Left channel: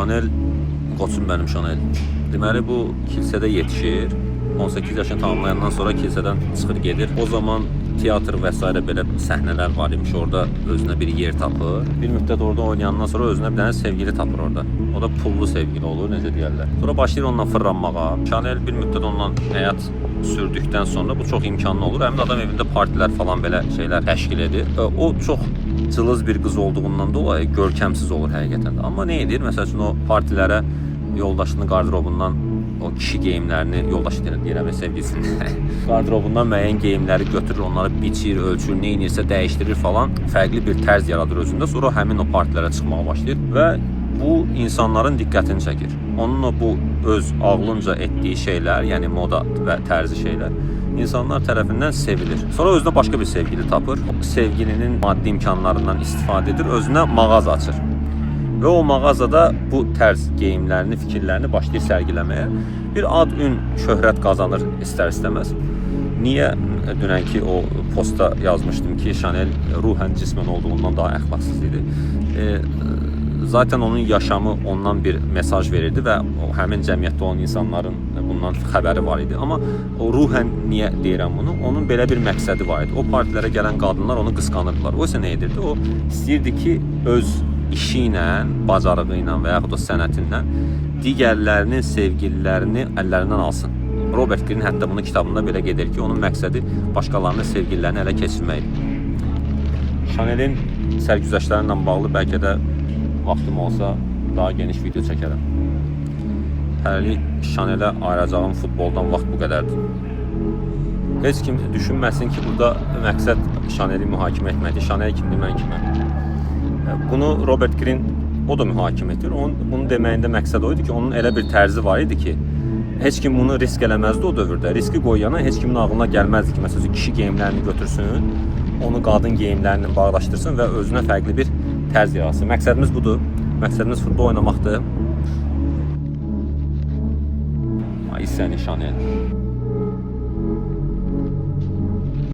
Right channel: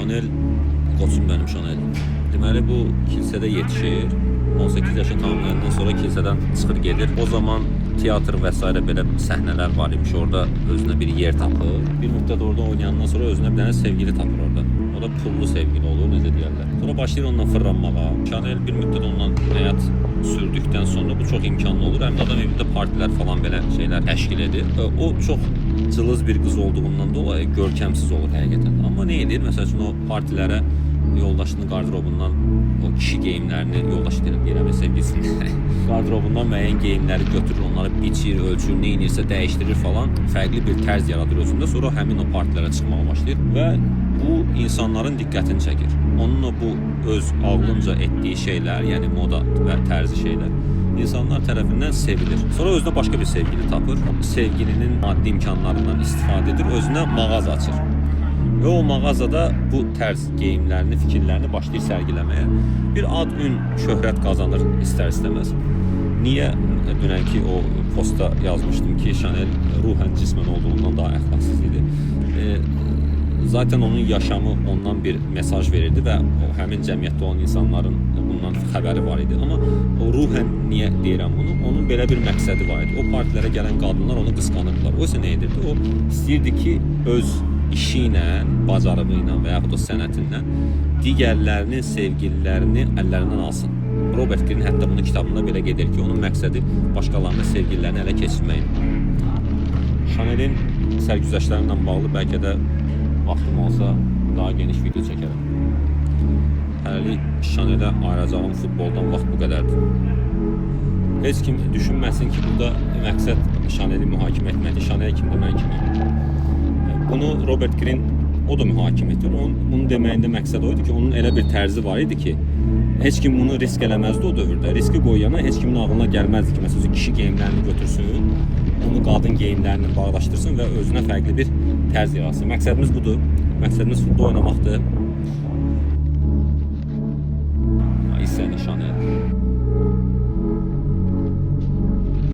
Chanel, qoçum mənim Chanel. Deməli bu kilsədə yetişir. 18 yaşını tamamlayandan sonra kilsədən çıxır gedir. O zaman teatr və s. belə səhnələr var imiş. Orada özünə bir yer tapır. Bir müddət orada oynayandan sonra özünə bir dənə sevgili tapır orada. O da pullu sevgili olur, necə deyərlər. Sonra başlayır onunla fırlanmağa. Chanel bir müddət onunla həyat sürdükdən sonra bu çox imkanlı olur. Həm də adam evində partilər falan belə şeylər təşkil edir. O çox cılız bir qız olduğundan dolayı görkəmsiz olur həqiqətən. Amma nə edir? Məsəl üçün o partilərə yoldaşının qardırobundan o kişi geyimlərini, yoldaşı deyirəm, sevgilisinin qardırobundan müəyyən geyimləri götürür, onları biçir, ölçür, neyinirsə dəyişdirir falan. Fərqli bir tərz yaradır özündə. Sonra həmin o partilərə çıxmağa başlayır və bu insanların diqqətini çəkir. Onunla bu öz ağlınca etdiyi şeylər, yəni moda və tərzi şeylər insanlar tərəfindən sevilir. Sonra özünə başqa bir sevgili tapır. Sevgilinin maddi imkanlarından istifadə edir, özünə mağaza açır. Və o mağazada bu tərz geyimlərini, fikirlərini başlayır sərgiləməyə. Bir ad-ün, şöhrət qazanır istər-istəməz. Niyə dünənki o posta yazmışdım ki, Chanel ruhən cismən olduğundan daha əxlaqsız idi. Zaten onun yaşamı ondan bir mesaj verirdi və o həmin cəmiyyətdə olan insanların bundan xəbəri var idi. Amma o ruhən niyə deyirəm bunu? Onun belə bir məqsədi var idi. O partilərə gələn qadınlar onu qısqanırdılar. O isə nə edirdi? O istəyirdi ki, öz işi ilə, bacarığı ilə və yaxud da sənətindən digərlərinin sevgililərini əllərindən alsın. Robert Greene hətta bunun kitabında belə gedir ki, onun məqsədi başqalarının sevgililərini ələ keçirməkdir. Chanel'in sərgüzəştləri ilə bağlı bəlkə də vaxtım olsa daha geniş video çəkərəm. Hələlik Chanel'ə ayıracağım futboldan vaxt bu qədərdir. Heç kim düşünməsin ki, burada məqsəd Chanel'i mühakimə etməkdir. Chanel kimdir, mən kiməm. Bunu Robert Greene o da mühakimə edir. Bunun deməyində məqsəd o idi ki, onun elə bir tərzi var idi ki, heç kim bunu risk eləməzdi o dövrdə. Riski qoyana heç kimin ağlına gəlməzdi ki, məsələn, kişi geyimlərini götürsün, onu qadın geyimlərini bağdaşdırsın və özünə fərqli bir tərz yaratsın. Məqsədimiz budur. Məqsədimiz futbol oynamaqdır. Ay səni Chanel.